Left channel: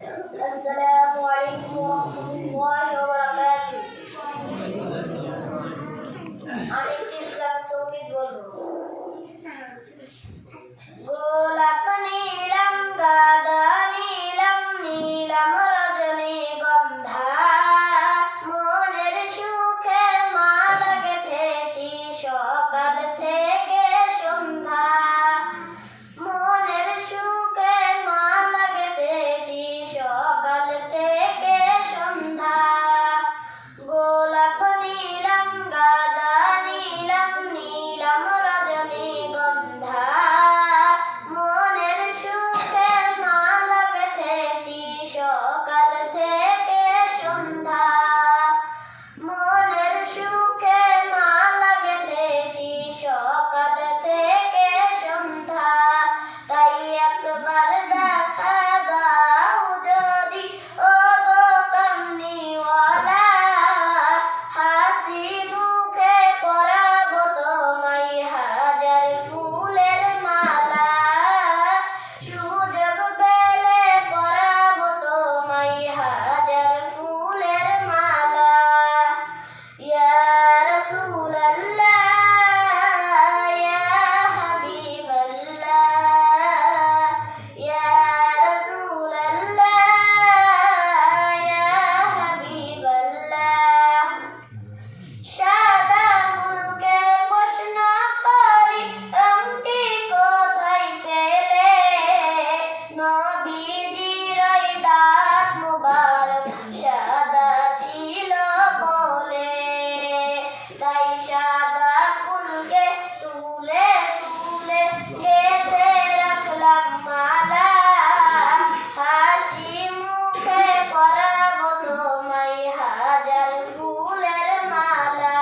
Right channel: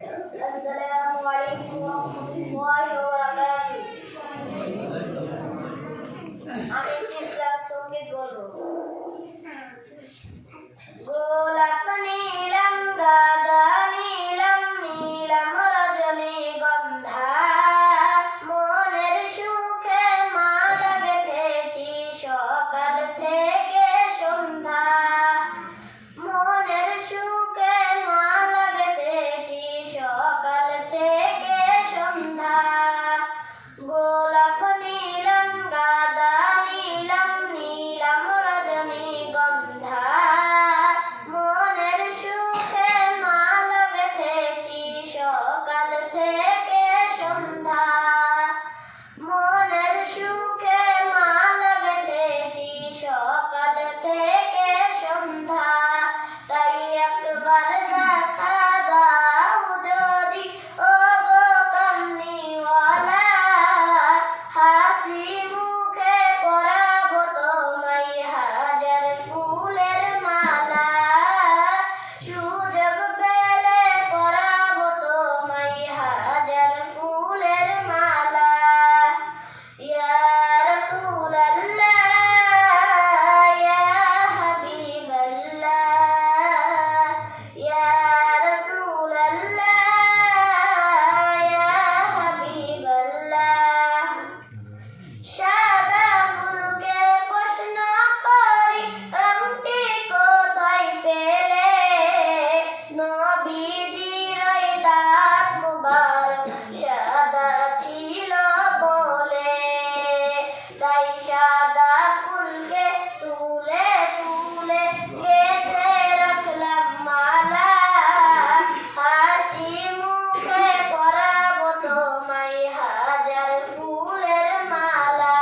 আসসালামু আলাইকুম ওয়া রাহমাতুল্লাহি ওয়া বারাকাতুহু। আমি টিসলা সৌমিত বলবো। গোলাপ নীলম গাঁদা নীলম নীলম রজনীগন্ধা মনের সুখে মালা গেঁথেছি সকাল থেকে সন্ধ্যা মনের সুখে মালা গেঁথেছি সকাল থেকে সন্ধ্যা গোলাপ নীলম গাঁদা নীলম নীলম রজনীগন্ধা মনের সুখে মালা গেঁথেছি সকাল থেকে সন্ধ্যা মনের সুখে মালা গেঁথেছি সকাল থেকে সন্ধ্যা তাই একবার দেখা দাও যদি ও গো কামনিওয়ালা হাসি মুখে পরাবো তোমায় হাজার ফুলের মালা সুযোগ পেলে পরাবো তোমায় হাজার ফুলের মালা ইয়া রাসূলাল্লাহ ইয়া হাবিবাল্লাহ ইয়া রাসূলাল্লাহ ইয়া হাবিবাল্লাহ সাদা ফুলকে প্রশ্ন করি রংটি কোথায় পেলে নবীজির ওই দাঁত মুবারক সাদা ছিল বলে তাই সাদা ফুলকে তুলে তুলে গেঁথে রাখলাম মালা হাসি মুখে পরাবো তোমায় হাজার ফুলের মালা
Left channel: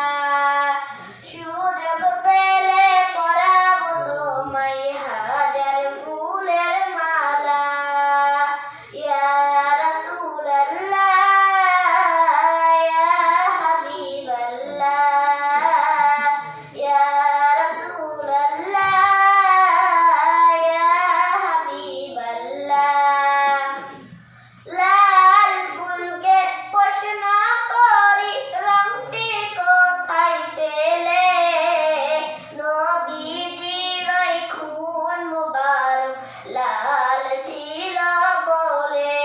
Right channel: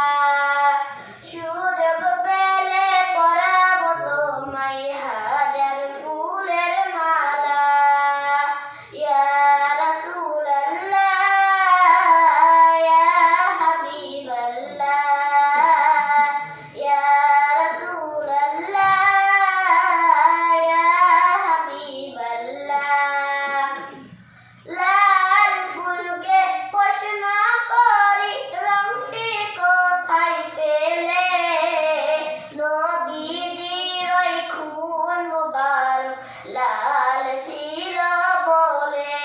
সুযোগ পেলে পরাবো তোমায় হাজার ফুলের মালা ইয়া রাসূলাল্লাহ ইয়া হাবিবাল্লাহ ইয়া রাসূলাল্লাহ ইয়া হাবিবাল্লাহ লাল ফুলকে প্রশ্ন করি রংটি কোথায় পেলে নবীজির ওই খুন মুবারক লাল ছিল বলে